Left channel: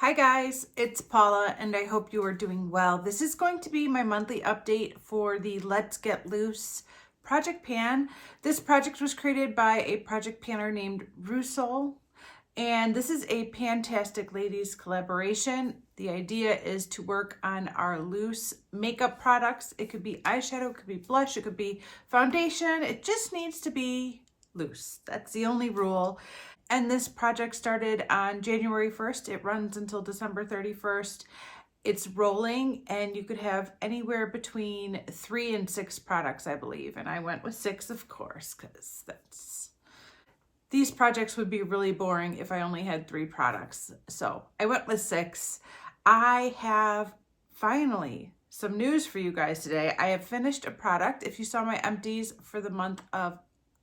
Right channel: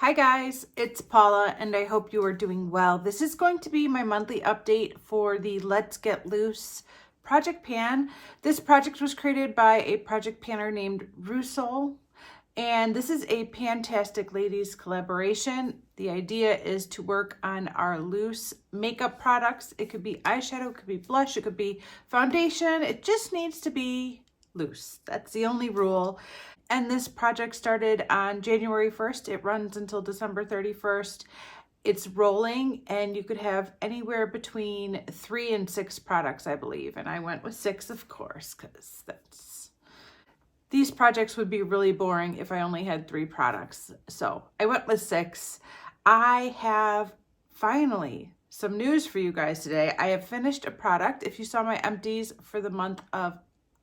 Hi guys, it's Paula and I hope you are doing well. This is going to be my monthly update for the Let's Get Loose project pan. This project was created by a project panner named Russell, and this is a Pantastic Ladies collaboration. The idea is to work on our loose makeup products. It could be eyeshadow, it could be blush, it could be foundation. It just needs to be loose. That's the only rule. And this project started on January 1st. It runs until December 31st. It's rolling and you could have anywhere between 3 and 6 products, I believe. And I went with 6, of course, because these projects would be really boring if I only had 3 products. So I went with 6. I have finally some news for you guys today. I have finished a product. If you saw my empties for the month of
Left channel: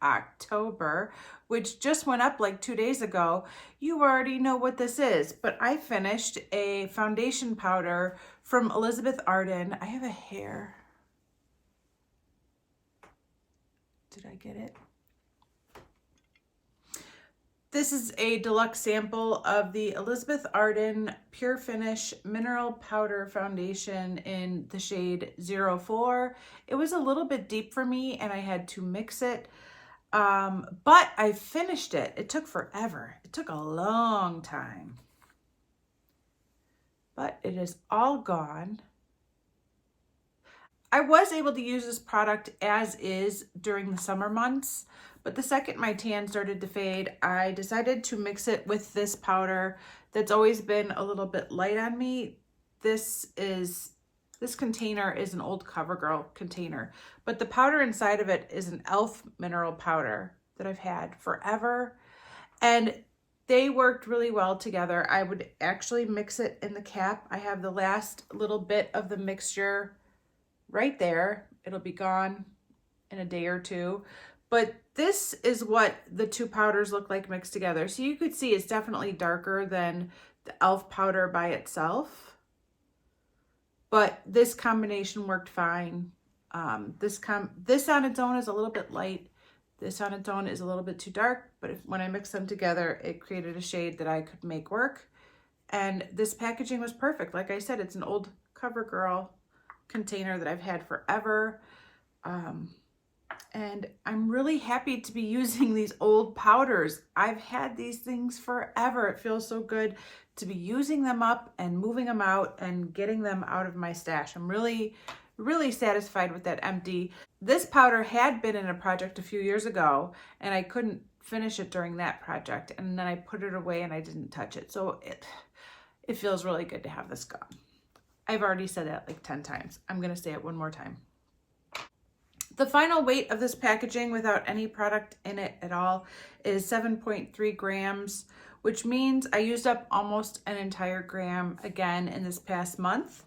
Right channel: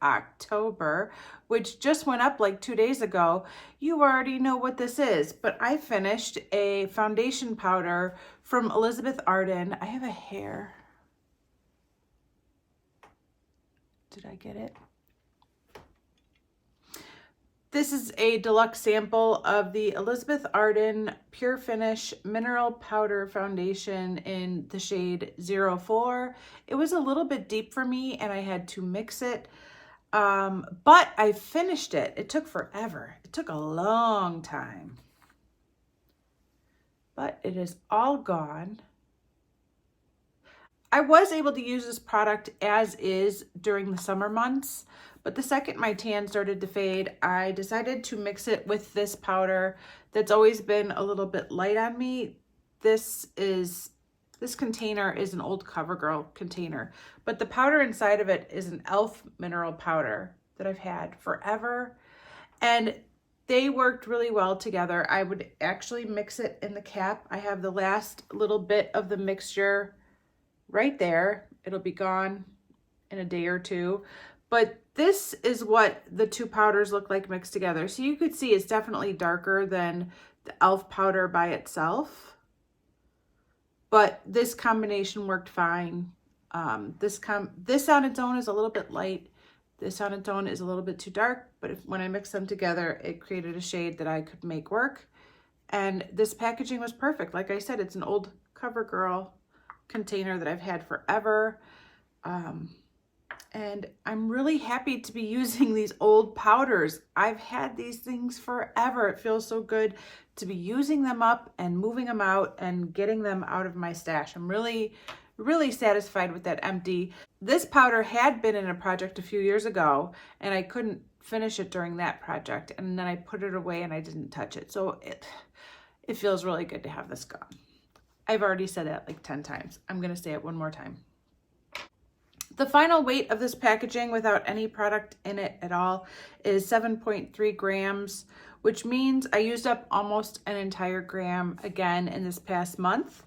October, which just went up like 2 days ago, you already know what this is, but I finished a foundation powder from Elizabeth Arden. I have a hair. Did I get it? This is a deluxe sample of the Elizabeth Arden Pure Finish Mineral Powder Foundation in the shade 04. It was a little bit deep for me and I had to mix it. But I finished it. It took forever. It took a long time. But it is all gone. I was able to use this product as is during the summer months, but the second my tan started to fade, I decided to mix it with this powder that's always been a little bit light on me. This container is an old CoverGirl container, but the powder inside of it is an e.l.f. mineral powder that I've had forever, and they worked really well together. I would actually mix it in the cap. I have the last little bit of the mixture right there. It'll be gone in a day or two, but this is what the 2 powders look like mixed together. So you could see it's definitely darker than the e.l.f. powder by itself. But this combination worked fine. This on its own is a little bit light. This on its own is a little bit too dark, but when I mixed them together, it created a shade that I could make work. And this packaging was perfect. Like I said, it's an old CoverGirl container that I've had forever. And I'm really happy to be using these old powders. I've had these things forever. It feels so good to be using them up and moving them out and getting them out of my stash. I'm really, really satisfied with that empty. This powder had been in a project a few years ago and I couldn't finish it during that project. And then I put it away and I didn't touch it. So it feels really good to have this gone. I've already said that like 10 times. I'm gonna say it one more time. The final weight of this packaging without any product in it at all is 7.3 grams, which means I used up almost an entire gram again in this past month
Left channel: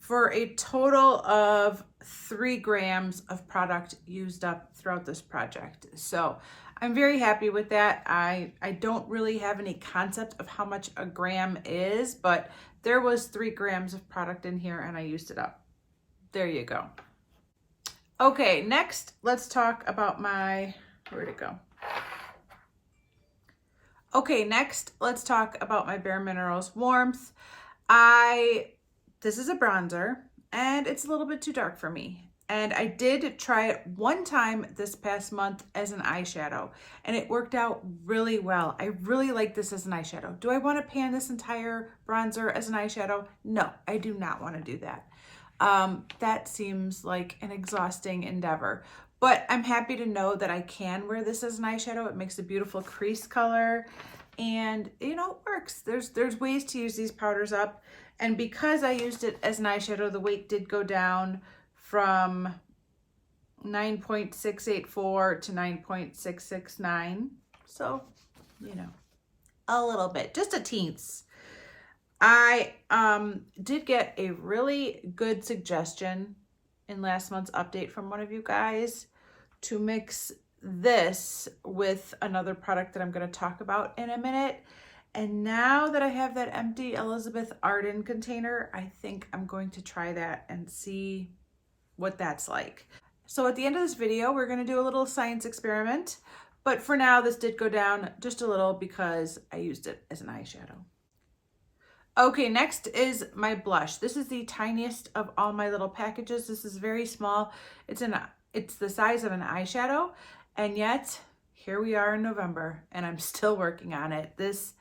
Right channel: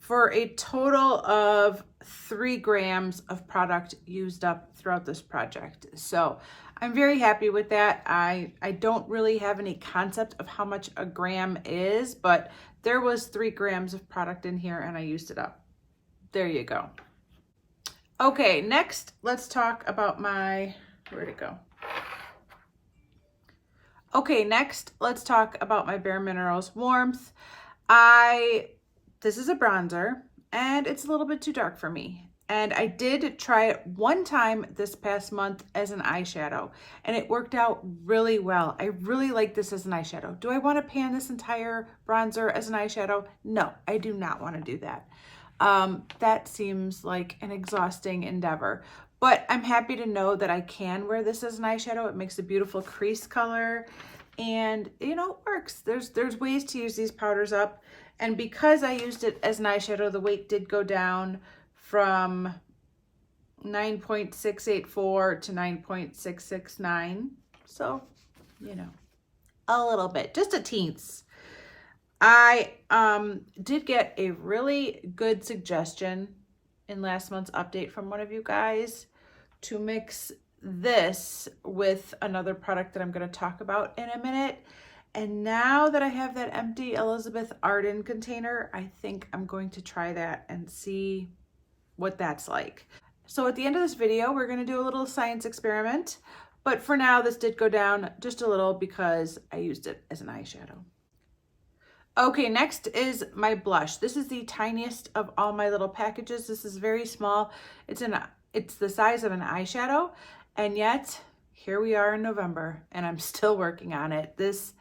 for a total of 3 grams of product used up throughout this project. So I'm very happy with that. I don't really have any concept of how much a gram is, but there was 3 grams of product in here and I used it up. There you go. Okay, next, let's talk about where'd it go? Okay, next, let's talk about my Bare Minerals Warmth. This is a bronzer, and it's a little bit too dark for me. And I did try it one time this past month as an eyeshadow, and it worked out really well. I really like this as an eyeshadow. Do I want to pan this entire bronzer as an eyeshadow? No, I do not want to do that. That seems like an exhausting endeavor, but I'm happy to know that I can wear this as an eyeshadow. It makes a beautiful crease color and you know, it works. There's ways to use these powders up, and because I used it as an eyeshadow, the weight did go down from 9.684 to 9.669. So, you know, a little bit, just a teens. I did get a really good suggestion in last month's update from one of you guys to mix this with another product that I'm going to talk about in a minute. And now that I have that empty Elizabeth Arden container, I think I'm going to try that and see what that's like. So at the end of this video, we're going to do a little science experiment. But for now, this did go down just a little because I used it as an eyeshadow. Okay, next is my blush. This is the tiniest of all my little packages. This is very small. It's the size of an eyeshadow, and yet here we are in November and I'm still working on it. This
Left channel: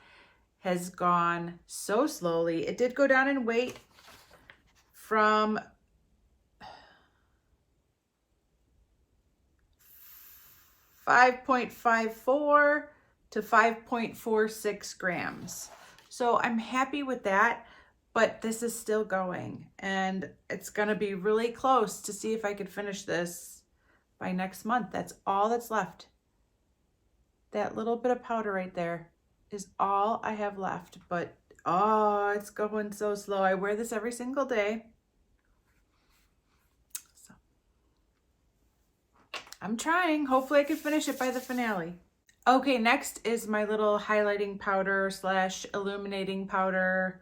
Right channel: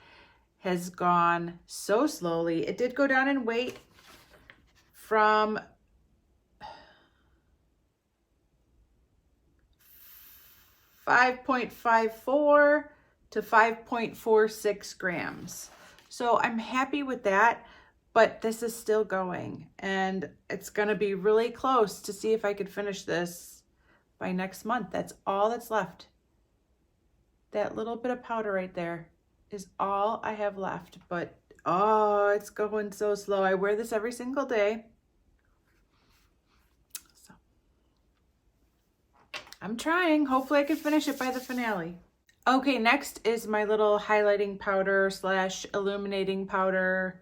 has gone so slowly. It did go down in weight from 5.54 to 5.46 grams. So I'm happy with that, but this is still going and it's gonna be really close to see if I could finish this by next month. That's all that's left. That little bit of powder right there is all I have left, but oh, it's going so slow. I wear this every single day. So I'm trying. Hopefully I can finish it by the finale. Okay, next is my little highlighting powder slash illuminating powder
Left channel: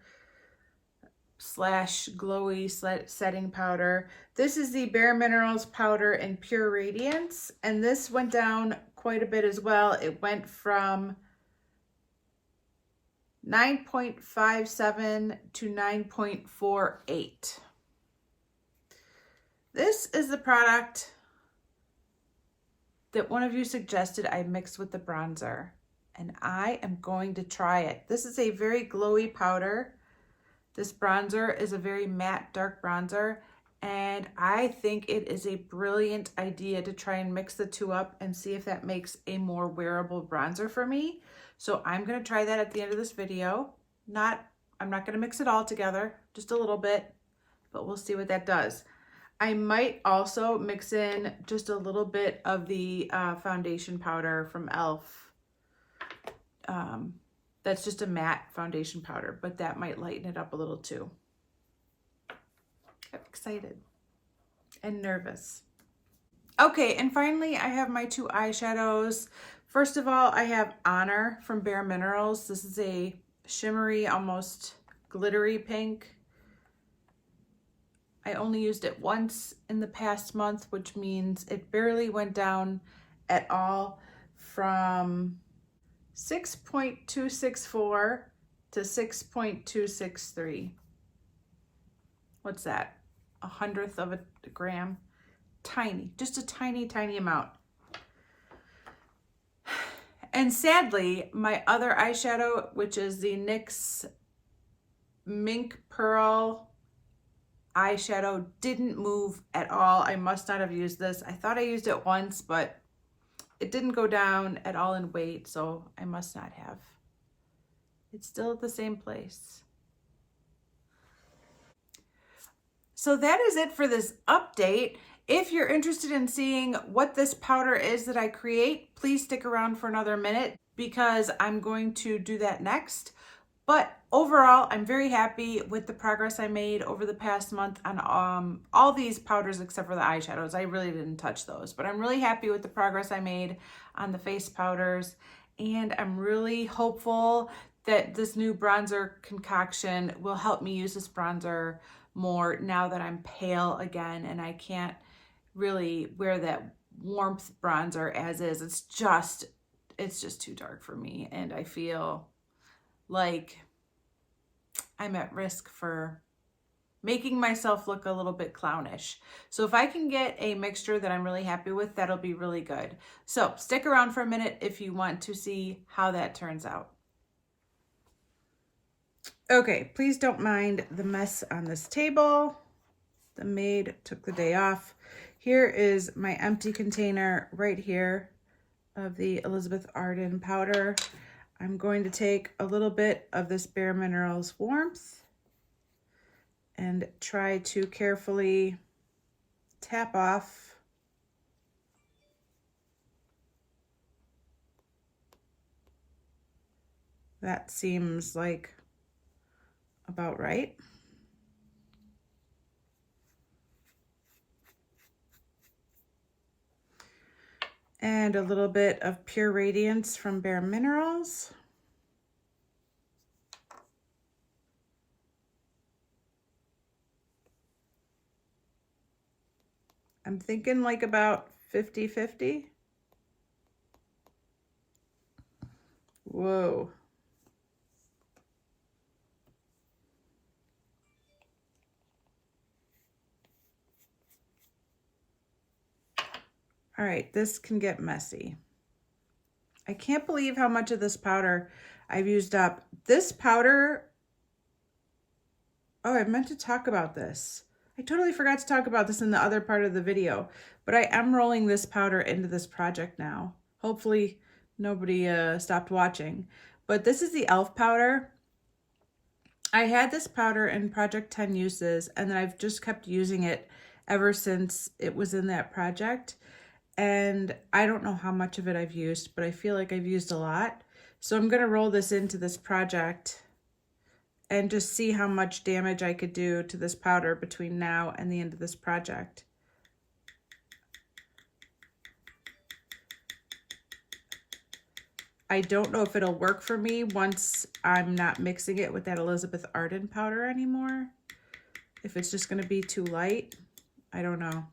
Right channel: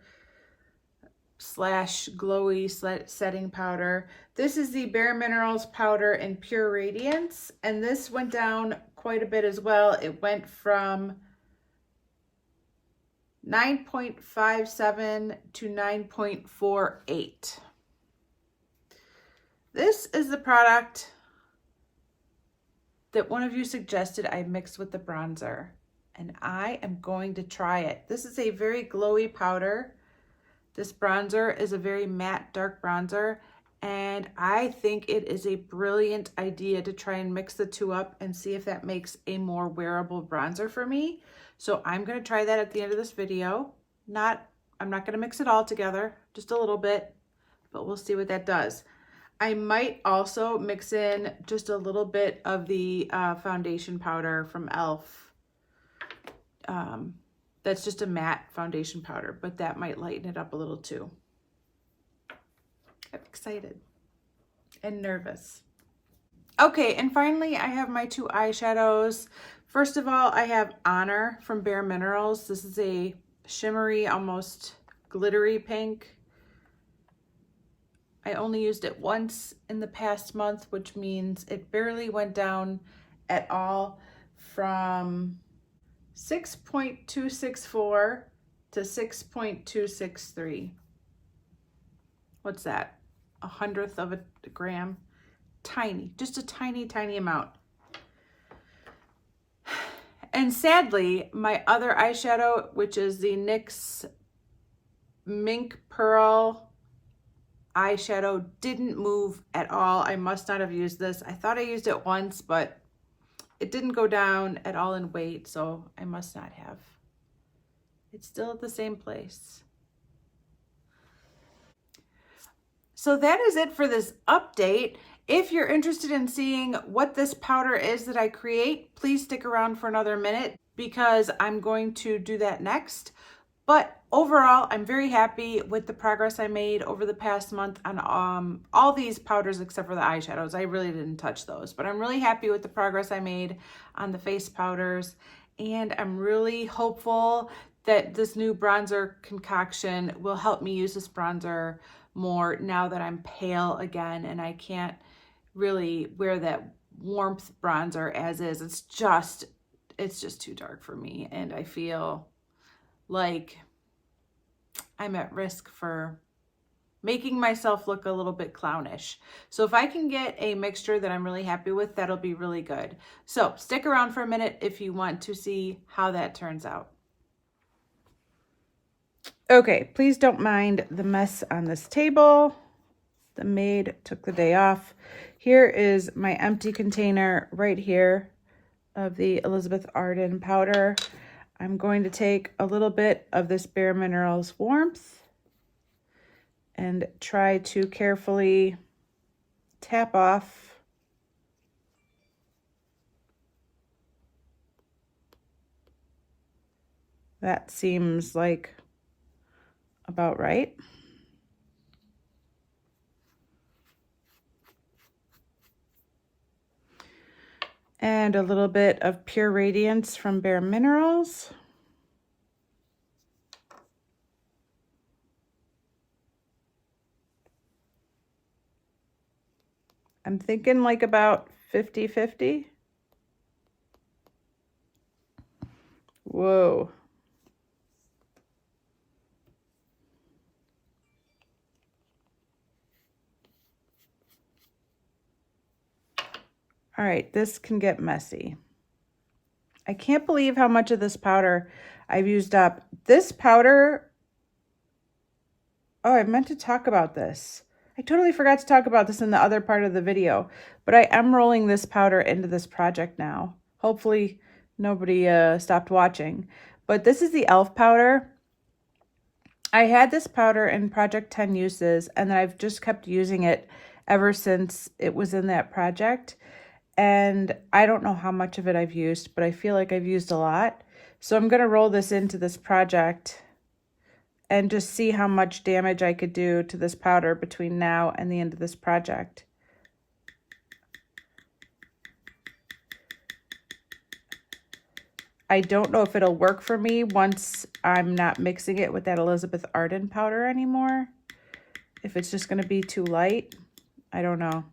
slash glowy setting powder. This is the Bare Minerals powder in Pure Radiance, and this went down quite a bit as well. It went from 9.57 to 9.48. This is the product that one of you suggested I mix with the bronzer, and I am going to try it. This is a very glowy powder. This bronzer is a very matte dark bronzer, and I think it is a brilliant idea to try and mix the two up and see if that makes a more wearable bronzer for me. So I'm going to try that at the end of this video. I'm not going to mix it all together, just a little bit, but we'll see what that does. I might also mix in just a little bit of the foundation powder from e.l.f. That's just a matte foundation powder, but that might lighten it up a little too. I'm excited and nervous. Okay, and finally I have my two eyeshadows. First of all, I have Honor from Bare Minerals. This is a shimmery, almost glittery pink. I only used it once in the past month, which means it barely went down at all, from 6.264 to 6.263. What's that? 1/100 of a gram? Tiny, just a tiny, tiny amount. And sadly, my other eyeshadow, which is the NYX Mink Pearl eyeshadow, didn't move at all. I must not have used this. I thought I used it once, but it didn't go down at all in weight, so I must not have. It's still at the same place. So that is it for this update. If you're interested in seeing what this powder is that I create, please stick around for another minute because I'm going to do that next. But overall, I'm very happy with the progress I made over the past month on all these powders except for the eyeshadows. I really didn't touch those, but I'm really happy with the progress I made on the face powders. And I'm really hopeful that this new bronzer concoction will help me use this bronzer more now that I'm pale again and I can't really wear that warmth bronzer as is. It's just too dark for me, and I feel like I'm at risk for making myself look a little bit clownish. So if I can get a mixture that I'm really happy with, that'll be really good. So stick around for a minute if you want to see how that turns out. Okay, please don't mind the mess on this table. The maid took the day off. Here is my empty container right here of the Elizabeth Arden powder. I'm going to take a little bit of this Bare Minerals Warmth and try to carefully tap off that. Seems like about right. And a little bit of Pure Radiance from Bare Minerals. I'm thinking like about 50-50. Whoa. All right, this can get messy. I can't believe how much of this powder I've used up. This powder, oh, I meant to talk about this. I totally forgot to talk about this in the other part of the video, but I am rolling this powder into this project now. Hopefully nobody stopped watching, but this is the e.l.f. powder. I had this powder in Project 10 uses, and then I've just kept using it ever since it was in that project. And I don't know how much of it I've used, but I feel like I've used a lot. So I'm going to roll this into this project and just see how much damage I could do to this powder between now and the end of this project. I don't know if it'll work for me once I'm not mixing it with that Elizabeth Arden powder anymore. If it's just going to be too light, I don't know.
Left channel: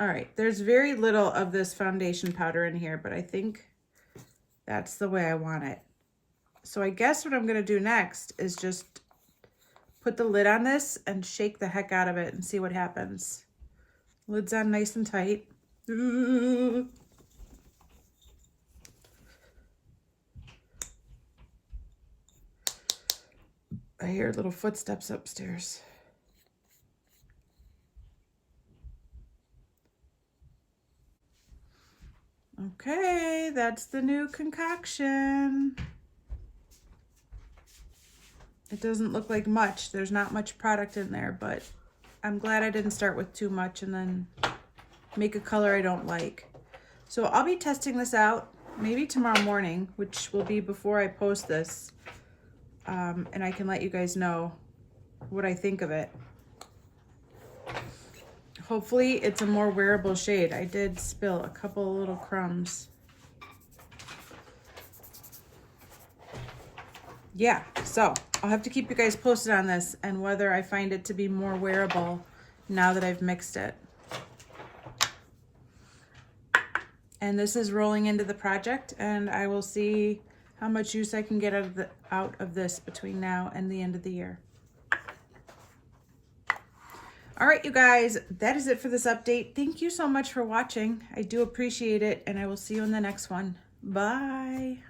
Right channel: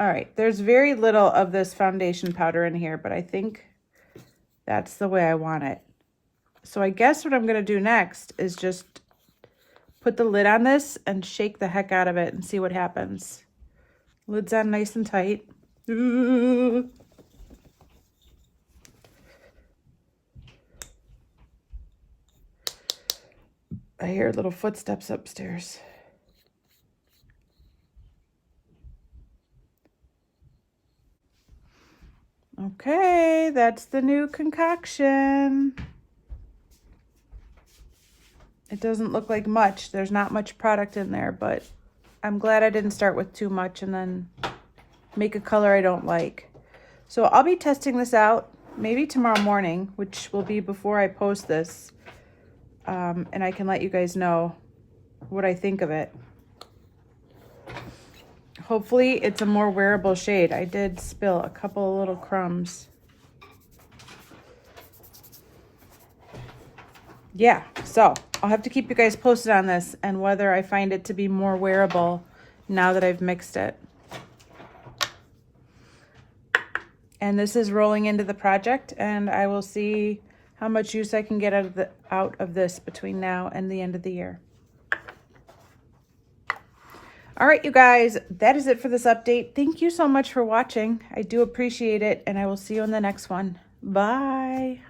All right, there's very little of this foundation powder in here, but I think that's the way I want it. So I guess what I'm going to do next is just put the lid on this and shake the heck out of it and see what happens. Lid's on nice and tight. I hear little footsteps upstairs. Okay, that's the new concoction. It doesn't look like much. There's not much product in there, but I'm glad I didn't start with too much and then make a color I don't like. So I'll be testing this out maybe tomorrow morning, which will be before I post this. And I can let you guys know what I think of it. Hopefully it's a more wearable shade. I did spill a couple of little crumbs. Yeah, so I'll have to keep you guys posted on this and whether I find it to be more wearable now that I've mixed it. And this is rolling into the project, and I will see how much use I can get out of this between now and the end of the year. All right, you guys, that is it for this update. Thank you so much for watching. I do appreciate it, and I will see you in the next one. Bye.